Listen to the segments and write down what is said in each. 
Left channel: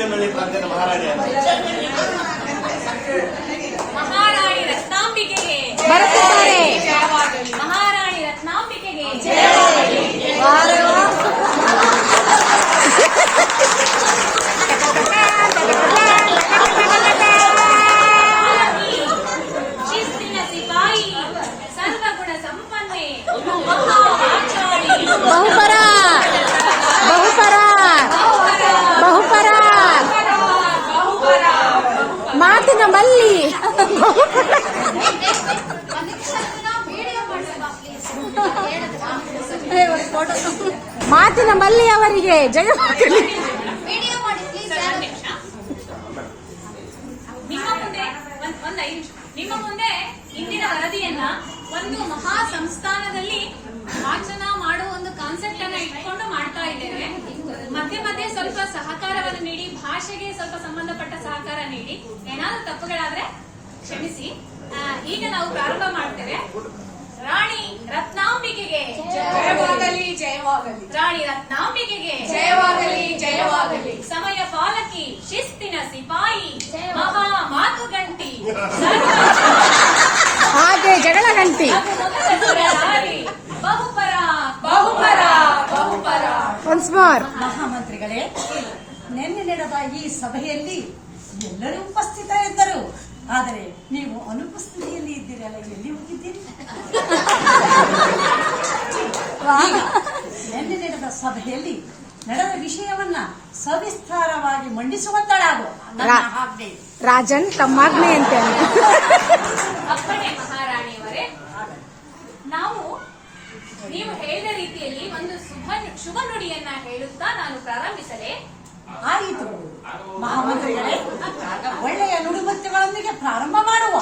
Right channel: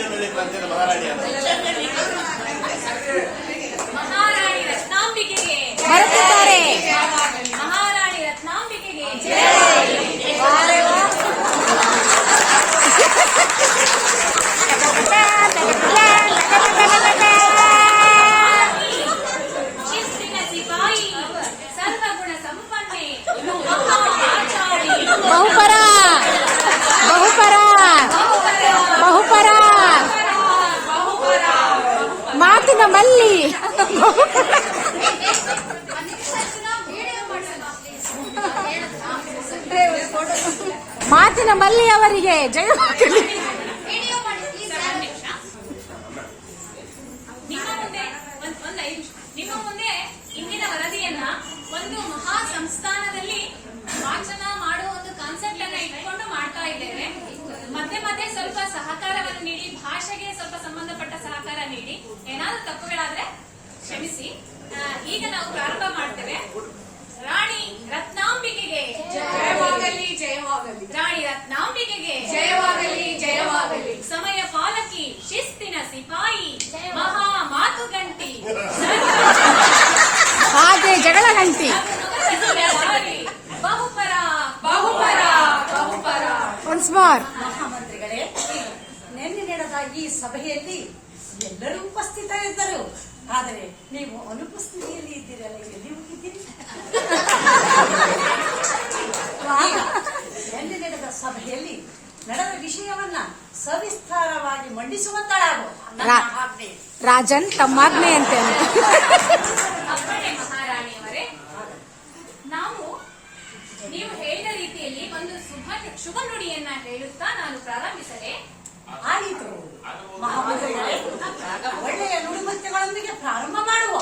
ಮುಂಚೆನಲ್ಲಿ ಪಂಚದ ಮಹಾರಾಣಿ ಅಂತ ಮಹಾರಾಣಿ ರತ್ನಾಂಬಿಕೆಗೆ ಬರುತ್ತಿದ್ದಾರೆ ಮಹಾರಾಣಿ ರತ್ನಾಂಬಿಕೆಗೆ ವಾರೆ ವಾ. ಶಿಸ್ತಿನ ಸಿಪಾಯಿ ಸರ್ವಗುಣ ಸಂಪನ್ನೆ ಮಹಾ ಆಚಾರಿ ಬಹುಪರ ಬಹುಪರ ಮಾತಿನ ನಮ್ಮಲ್ಲಿ ಮಾತಿನ ಮಲ್ಲಿ ಅವರಿಗೆ ಜಯ. ನಿಮ್ಮ ಮುಂದೆ ಇಂದಿನ ವರದಿಯನ್ನ ಒಂದು ಮಹಾ ಸಂಸ್ಥಾನದಲ್ಲಿ ವಾಚನ ಮಾಡುವ ಒಂದು ಕಾನ್ಸೆಪ್ಟ್ ಅನ್ನ ಇಟ್ಕೊಂಡು ಮಾಡ್ತಾ ಇದ್ದೇವೆ ಮಧ್ಯೆ ಮಧ್ಯೆ ಸ್ವಲ್ಪ ಸಹಕಾರವನ್ನು ನೀಡಿ ಭಾಷೆಗೆ ಸ್ವಲ್ಪ ಸಂಬಂಧಪಟ್ಟ ಸಹಕಾರ ನೀಡಿ. ಏನಾದ್ರೂ ತಪ್ಪುಗಳಾದ್ರೆ ಕ್ಷಮಿಸಿ. ಈಗ ನಾವು ಪ್ರಾರಂಭ ಮಾಡ್ತೇವೆ. ರಾಣಿ ರತ್ನಾಂಬಿಕೆಗೆ ಜಯವಾಗಲಿ. ಜಯವಾಗಲಿ ರಾಣಿ ರತ್ನಾಂಬಿಕೆಗೆ ಜಯವಾಗಲಿ ಜಯವಾಗಲಿ. ಸಮಯ ಪಾಲಕಿ ಶಿಸ್ತಿನ ಸಿಪಾಯಿ ಮಹಾ ಮಾತುಗಂಟಿ. ಹಾಗೆ ಜಗಳ ಗಂಟಿ. ಬಹುಪರ ಬಹುಪರ ಬಹುಪರ. ಒನ್ಸ್ ಮೋರ್ ಮಹಾಮಂತ್ರಿಗಳೇ ನಿನ್ನೆ ನಡೆದ ಈ ಸಭೆಯಲ್ಲಿ ಎಲ್ಲರೂ ಉಪಸ್ಥಿತರಿದ್ದರು. ಆದರೆ ನೀವು ಅನುಪಸ್ಥಿತಿಯಲ್ಲಿ ಇದ್ದೀರಲ್ಲ ಎಲ್ಲಿ ಹೋಗಿದ್ದೀರಿ ನಿನ್ನೆ ನಡೆದ ಸಭೆಯಲ್ಲಿ ನಡೆದ ವಿಷಯವನ್ನ ಸವಿಸ್ತಾರವಾಗಿ ಮಂಡಿಸುವಂತಳಾಗು. ರಾಜನ್ ತಮ್ಮಾಗ್ನೆ ಅಂತ ಮಹಾರಾಣಿಯವರೇ ನಾವು ನೀವು ಹೇಳಿದ ರೀತಿಯಲ್ಲಿ ಒಂದು ಶುಭ ಶುಭ ನುಡಿಯನ್ನ ಹೇಳುತ್ತಾ ನಾನು ಪ್ರಾರಂಭಿಸಲೇ ಆಯಿತು. ಮಹಾಮಂತ್ರಿಗಳೇ ಒಳ್ಳೆಯ ನುಡಿಮುತ್ತುಗಳೊಂದಿಗೆ ಪ್ರಾರಂಭ ಮಾಡುವ.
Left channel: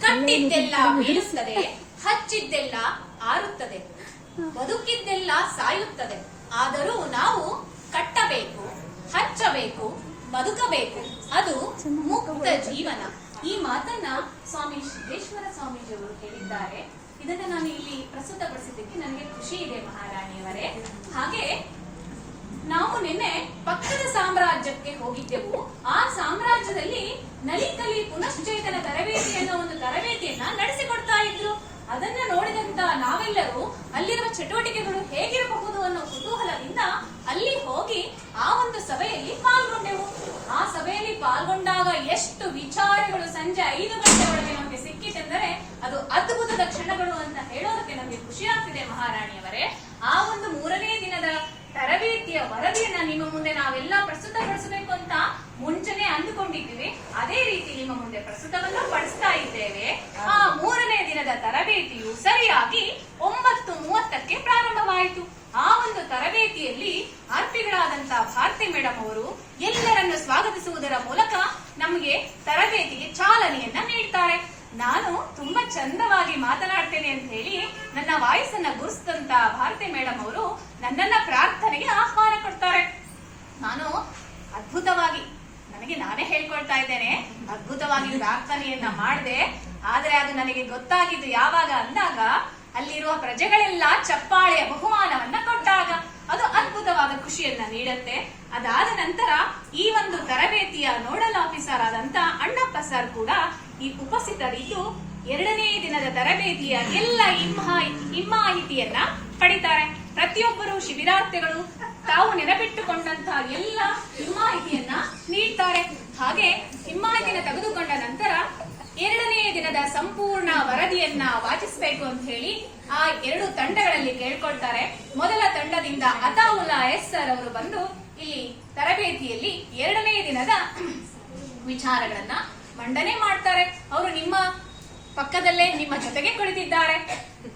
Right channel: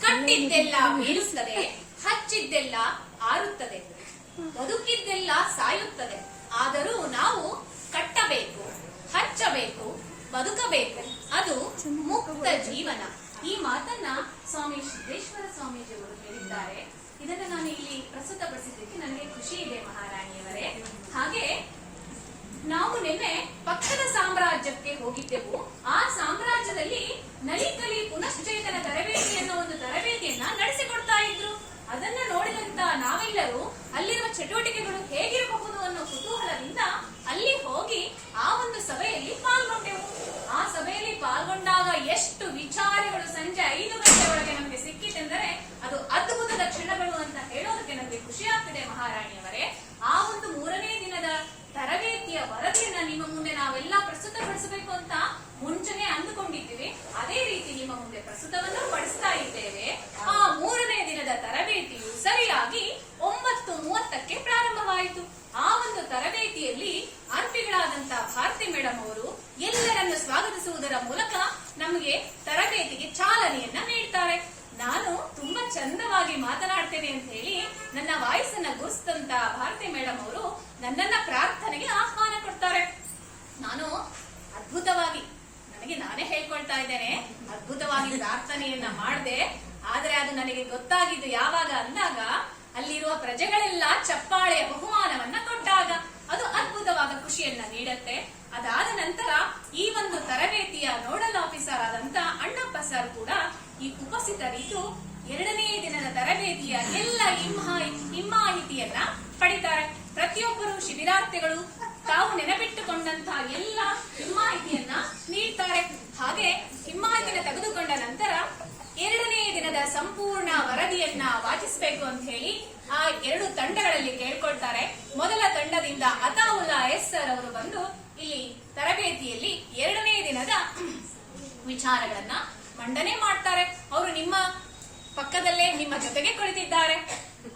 ಕಟ್ಟಿದ್ದೆಲ್ಲ ಬೀಳುತ್ತದೆ ಹಚ್ಚಿದ್ದೆಲ್ಲ ಆರುತ್ತದೆ ಬದುಕಿದ್ದೆಲ್ಲ ಸಾಯುತ್ತದೆ. ಆದರೂ ನಾವು ಕಟ್ಟಬೇಕು ಹಚ್ಚಬೇಕು ಬದುಕಬೇಕು. ಅದು ಮುಕ್ತ ಜೀವನ. ಈ ಮಾತನ್ನ ಸ್ವಾಮಿ ಸಿದ್ದೇಶ್ವರ ಸ್ವಾಮೀಜಿಯವರು ಹೇಳಿದ್ದಾರೆ. ಇದನ್ನ ನಾನು ಇಲ್ಲಿ ಪ್ರಸ್ತುತಪಡಿಸಿದ್ದಕ್ಕೆ ನನಗೆ ಖುಷಿ ಇದೆ ಮಹಾರಾಣಿಯವರೇ. ಹಾಗೆ ನಾವು ನಿನ್ನೆ ಪಕ್ಷದ ಸಾಮ್ರಾಜ್ಯಕ್ಕೆ ಹೋಗಿದ್ದೆವು. ಆ ಸಾಮ್ರಾಜ್ಯದಲ್ಲಿ ನಲಿಕಲಿ ಪುನಶ್ಚೇತನ ತರಬೇತಿ ಅನ್ನೋ ಒಂದು ತರಬೇತಿಯನ್ನ ನಡೆಸಿಕೊಡ್ತಾ ಇದ್ರು. ಅದನ್ನ ನೋಡಿದಂತ ನಾವೆಲ್ಲರೂ ಅಲ್ಲಿರುವ ಚಟುವಟಿಕೆಗಳು ಹೇಗಿರಬಹುದು ಅನ್ನೋ ಕುತೂಹಲದಿಂದ ಅಲ್ಲಿ ಹೋಗಿ ಆ ಒಂದು ಸಭೆಯಲ್ಲಿ ಪಾಲ್ಗೊಂಡೆವು. ಆ ಸಭೆಯಲ್ಲಿ ಪಾಲ್ಗೊಂಡಾಗ ಎಷ್ಟು ವಿಚಾರಗಳು ಸಂಜೆ ಐದು ಗಂಟೆವರೆಗೆ ನಮಗೆ ಸಿಕ್ಕಿತೆಂದರೆ ಅದು ಅದ್ಭುತದ ಕ್ಷಣಗಳು ಅಂತ ಹೇಳೋದಕ್ಕೆ ನಮಗೆ ಖುಷಿ ಆಗ್ತಿದೆ ಮಹಾರಾಣಿಯವರೇ. ಆ ಒಂದು ಮೂರನೇ ದಿನದ ತರಬೇತಿಯ ವರದಿಯನ್ನ ನಿಮ್ಮ ಮುಂದೆ ನಾವೆಲ್ಲ ಪ್ರಸ್ತುತಪಡಿಸಬೇಕು ಅಂತ ಮುಂಚೆನೆ ಅಂದುಕೊಂಡಿದ್ದೀವಿ ಅದೇ ರೀತಿ ನಿಮ್ಮ ಮುಂದೆ ಪ್ರಸ್ತುತವನ್ನು ಪಡಿಸ್ತಾ ಇದ್ದೇವೆ ಆ ಮೂರನೇ ದಿನದ ತರಬೇತಿಯು ಸರಿಯಾಗಿ ಒಂಬತ್ತು ಮೂವತ್ತಕ್ಕೆ ಪ್ರಾರಂಭವಾಯಿತು. ಆ ಒಂದು ತರಬೇತಿಯಲ್ಲಿ ಅರ್ಪಿಗಳಾದಂತಹ ಭಾರತಿ ಮೇಡಮ್ ಅವರು ಎಲ್ಲರನ್ನು ಸ್ವಾಗತಿಸುವುದರ ಮೂಲಕ ನಮಗೆ ತರಬೇತಿಗೆ ಚಾಲನೆಯನ್ನ ನೀಡ್ತಾರೆ. ನಾನು ತುಂಬಾ ಚಂದವಾಗಿ ಮಾತನಾಡ್ತೇನೆ ಅಂತ ಹೇಳಿ ನನ್ನ ವಾಯಸ್ಸನ್ನ ಗುರುಸಿದಂತ ಭಾರತಿ ಮೇಡಮ್ ಅವರು ನನ್ನನ್ನ ಪ್ರಾರ್ಥನೆಗೆ ಆಹ್ವಾನ ಕೊಡ್ತಾರೆ. ನಾನು ಅದ್ಭುತವಾಗಿ, ನನಗೆ ನಾನೇ ಹೇಳ್ಕೊಳ್ತಾ ಇದ್ದೇನೆ. ಅದ್ಭುತವಾಗಿ ಪ್ರಾರ್ಥನೆಯನ್ನ ಮಾಡಿದೆ. ಆದ್ರೆ ಅದು ನನಗೆ ಗೊತ್ತಾಗಿದ್ದು ಯಾವಾಗ ಅಂದಾಗ ಅಲ್ಲಿರುವ ಪ್ರಜೆಗಳೆಲ್ಲ ಚಪ್ಪಾಳೆಯ ಬಹುಮಾನವನ್ನ ಕೊಟ್ಟಾಗ ಅದು ಅದ್ಭುತವಾದ ಖುಷಿಯನ್ನ ನೀಡುತ್ತೆ. ಅದಾದ ನಂತರ ಈ ಒಂದು ತರಬೇತಿಯ ನೋಡಲ್ ಆಫೀಸರ್ ಆದಂತ ಅಣ್ಣಪ್ಪ ಸರ್ ಕೂಡ ಈ ಉಪಸ್ಥಿತರಿದ್ದು ಎರಡನೇ ದಿನದ ತರಬೇತಿಯ ಎಲ್ಲ ಹಿಮ್ಮಾಹಿತಿಯನ್ನ ಪಡಿತಾರೆ. ಪ್ರತಿಯೊಬ್ಬರು ಶಿಬಿರಾರ್ಥಿಗಳು ತಾವು ನೆನಪಿಟ್ಟುಕೊಂಡಂತಹ ಎಲ್ಲ ಹಿಮ್ಮಾಹಿತಿಯನ್ನ ನೀಡ್ತಾರೆ. ಹಾಗೆ ಹಿಮ್ಮಾಹಿತಿಯನ್ನು ತೆಗೆದುಕೊಂಡ ನಂತರ ಎರಡನೇ ದಿನದ ಸಂಪೂರ್ಣ ವರದಿಯನ್ನ ವಾಚಿಸಬೇಕು ಅಂತ ಹೇಳಿ ಆ ಎರಡು ತಂಡಗಳಲ್ಲಿ ಕೇಳ್ಕೊಳ್ತಾರೆ. ಮೊದಲ ತಂಡದಿಂದ ಅತಾವುಲ್ಲಾ ಎಸ್ ಸರ್ ಅವರು ಬಂದು ಇಲ್ಲಿ ತರಬೇತಿಯಲ್ಲಿ ಎರಡನೇ ದಿನದ ವಿಚಾರಗಳನ್ನ ಮಂಡನೆ ಮಾಡ್ತಾರೆ. ಅವರು ನಿಮ್ಮ ಪಕ್ಕದಲ್ಲೇ ನಿಮ್ಮ ಜೊತೆಗೆ ಕುಳಿತಿದ್ದಾರೆ.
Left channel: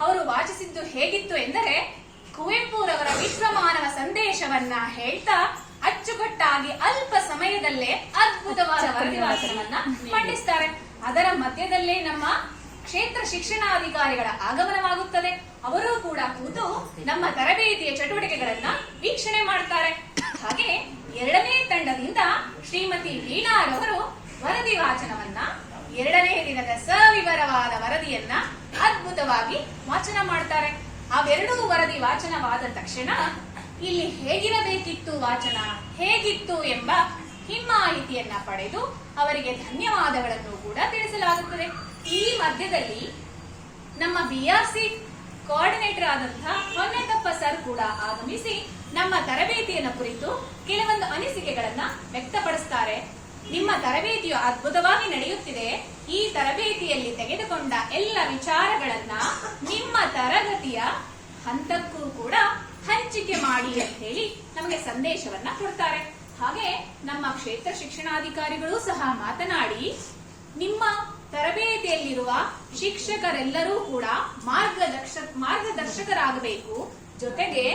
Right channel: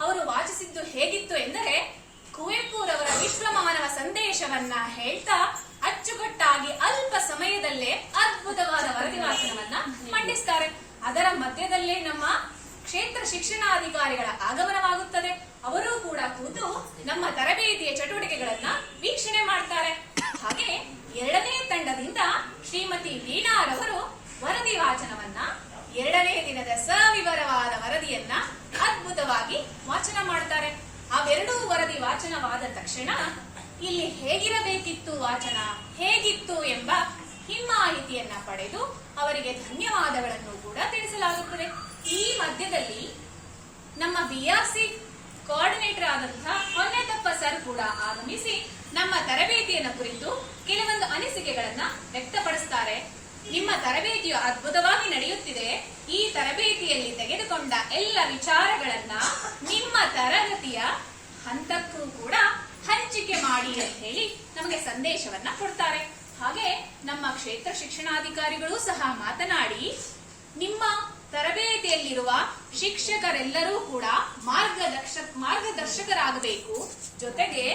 ಅವರು ವಾಚಿಸಿದ್ದು ಹೇಗಿತ್ತು ಎಂದರೆ, ಕುವೆಂಪುರವರ ವಿಶ್ವಮಾನವ ಸಂದೇಶವನ್ನ ಹೇಳ್ತಾ ಅಚ್ಚುಕಟ್ಟಾಗಿ ಅಲ್ಪ ಸಮಯದಲ್ಲೇ ಅದ್ಭುತವಾದ ವರದಿ ವಾಚನವನ್ನ ಮಂಡಿಸ್ತಾರೆ. ಅದರ ಮಧ್ಯದಲ್ಲೇ ನಮ್ಮ ಕ್ಷೇತ್ರ ಶಿಕ್ಷಣಾಧಿಕಾರಿಗಳ ಆಗಮನವಾಗುತ್ತದೆ. ಅವರೂ ಕೂಡ ಕೂತು ನಮ್ಮ ತರಬೇತಿಯ ಚಟುವಟಿಕೆಗಳನ್ನ ವೀಕ್ಷಣೆ ಮಾಡ್ತಾರೆ. ಹಾಗೆ ಎರಡನೇ ತಂಡದಿಂದ ಶ್ರೀಮತಿ ಲೀಲಾರವರು ವರದಿ ವಾಚನವನ್ನ, ಎರಡನೇ ದಿನದ ಸವಿವರವಾದ ವರದಿಯನ್ನ ಅದ್ಭುತವಾಗಿ ವಾಚನ ಮಾಡ್ತಾರೆ. ಅವೆರಡೂ ವರದಿ ವಾಚನವಾದ ತಕ್ಷಣ ಇಲ್ಲಿ ಹೇಗಿರಬೇಕಿತ್ತು ವಾಚನ? ಹೇಗಿತ್ತು ಎಂಬ ಹಿಮ್ಮಾಹಿತಿಯನ್ನ ಪಡೆದು ಅವರಿಗೆ ಧನ್ಯವಾದಗಳನ್ನು ಕೂಡ ತಿಳಿಸಲಾಗುತ್ತದೆ. ಈ ಮಧ್ಯದಲ್ಲಿ ನಮ್ಮ ಸಿ ಕೋಆರ್ಡಿನೇಟರ್ ಆದಂತಹ ಹೊನ್ನೆತಪ್ಪ ಸರ್ ಕೂಡ ಆಗಮಿಸಿ ನಮ್ಮ ತರಬೇತಿಯನ್ನು ಕುರಿತು ಕೆಲವೊಂದು ಅನಿಸಿಕೆಗಳನ್ನ ವ್ಯಕ್ತಪಡಿಸ್ತಾರೆ. ನಿಮ್ಮ ತರಬೇತಿಯು ಅದ್ಭುತವಾಗಿ ನಡೆಯುತ್ತಿದೆ. ಈ ತರಬೇತಿಯಲ್ಲಿ ತೆಗೆದುಕೊಂಡ ಎಲ್ಲ ವಿಚಾರಗಳನ್ನ ನಿಮ್ಮ ತರಗತಿಯ ಹಂತಕ್ಕೂ ಕೂಡ ಹಂಚಿಕೆ ಮಾಡಿ ಅಂತ ಹೇಳಿ ನಮಗೆ ಸಂದೇಶವನ್ನ ಕೊಡ್ತಾರೆ. ಹಾಗೆ ನಮ್ಮ ಕ್ಷೇತ್ರ ಶಿಕ್ಷಣಾಧಿಕಾರಿಗಳು ಸಹ ಮಾತನಾಡಿ, ನಿಮ್ಮ ತರಬೇತಿಯಲ್ಲಿರುವ ಶಿಕ್ಷಕರೆಲ್ಲರೂ ಕೂಡ ಮಾರ್ಗದರ್ಶ, ಮಾರ್ಗದರ್ಶಕರಾಗಬೇಕು. ಜೊತೆಗೆ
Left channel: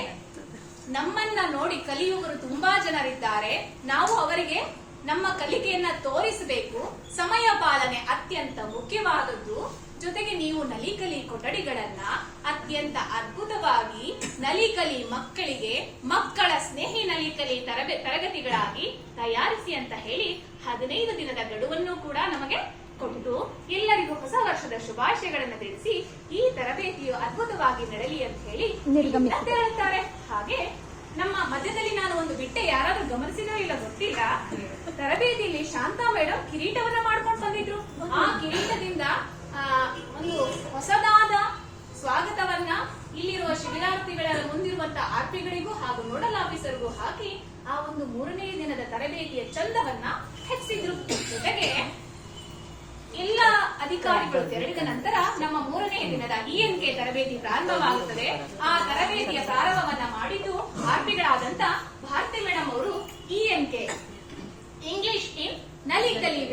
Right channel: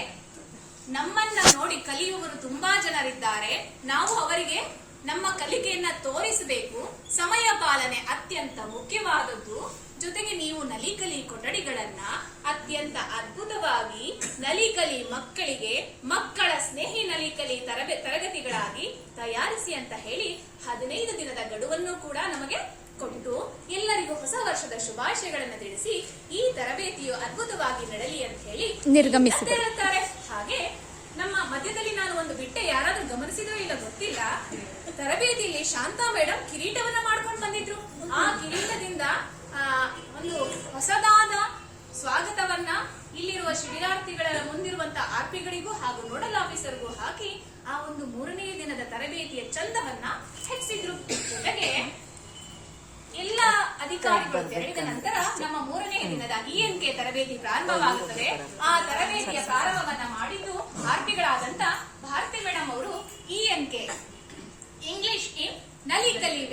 ನಮ್ಮನ್ನ ನೋಡಿ ಕಲಿಯುವವರು ತುಂಬಾ ಜನರಿದ್ದಾರೆ. ನಾವು ಅವರಿಗೆ ನಮ್ಮ ಕಲಿಕೆಯನ್ನ ತೋರಿಸಬೇಕು. ಸಮಯ ಪಾಲನೆ ಅತ್ಯಂತ ಮುಖ್ಯವಾದದ್ದು. ಜೊತೆಗೆ ನೀವು ನಲಿಕಲಿ ಕೊಠಡಿಗಳನ್ನ ಅತ್ಯಂತ ಅದ್ಭುತವಾಗಿ ನಲಿಕಲಿ ಮಕ್ಕಳಿಗೆ, ಮಕ್ಕಳ ಸ್ನೇಹಿ ನಲಿಕಲಿ ತರಬೇ, ತರಗತಿಗಳಾಗಿ ತಯಾರಿಸಿ ಅಂತ ಹೇಳಿ ಹದಿನೈದು ದಿನದ ಗಡುವನ್ನು ಕೂಡ ನಮಗೆ ಕೊಟ್ಟು ಎಲ್ಲರಿಗೂ ಹೊಸ ವರ್ಷದ ಶುಭಾಶಯಗಳನ್ನು ತಿಳಿಸಿ ಈ ತರಬೇತಿಯು ಅದ್ಭುತವಾಗಿ ನಡೆಯಲಿ ಅಂತ ಹೇಳಿ ನಿರ್ಗಮಿಸುತ್ತಾರೆ ಹೇಳ್ತಾರೆ. ಹಾಗೆ ನಮ್ಮ ಮಧ್ಯದಲ್ಲಿ ನಾನು ಒಂದು ಬಿಟ್ಟೆ ಯಾರಾದ್ರೂ ಗಮನಿಸಿದೋ ಇಲ್ಲ ಗೊತ್ತಿಲ್ಲ. ತರಬೇತಿಯಲ್ಲಿ ಶಾಂತಾ ಮೇಡಮ್ ಕಿರೀಟವನ್ನ ಮಾಡ್ಕೊಂಡು ಬಂದಿದ್ರು. ಆ ಕಿರೀಟದಿಂದ ಆ, ಒಂದು ಹೊಸದಾದ ಸ್ವಾಗತವನ್ನ ಇಲ್ಲಿರುವ ಶಿಬಿರಾರ್ಥಿಗಳ ಮುಂದಿರುವಂತಹ ಆರ್ಪಿಗಳಿಗೂ ಹಾಗೂ ನೋಡಲ್ ಆಫೀಸರ್ಗೂ ಹಾಕಿ ಆ ಒಂದು ಮೂರನೇ ದಿನದ ತರಬೇತಿಯ ಚಂದವನ್ನ ಹೆಚ್ಚಿಸಿದ್ರು. ಜೊತೆಗೆ ಎಲ್ಲ ಅಧಿಕಾರಿಗಳು ತೆರಳಿದ ನಂತರ ನಮ್ಮ ಮೂರನೇ ದಿನದ ಇಎನ್ಕೆ ತರಬೇತಿ ಪ್ರಾರಂಭವಾಗುತ್ತದೆ. ಆ ತರಬೇತಿಯ ಪ್ರಾರಂಭವನ್ನ ಮಾಡಿದ್ದು ಆರ್ಪಿಗಳಾದಂತ ಭಾರತಿ ಮೇಡಮ್ ಅವರು ಇಎನ್ಕೆ ಇಂಗ್ಲಿಷ್ ಇನ್ ನಲಿಕಲಿ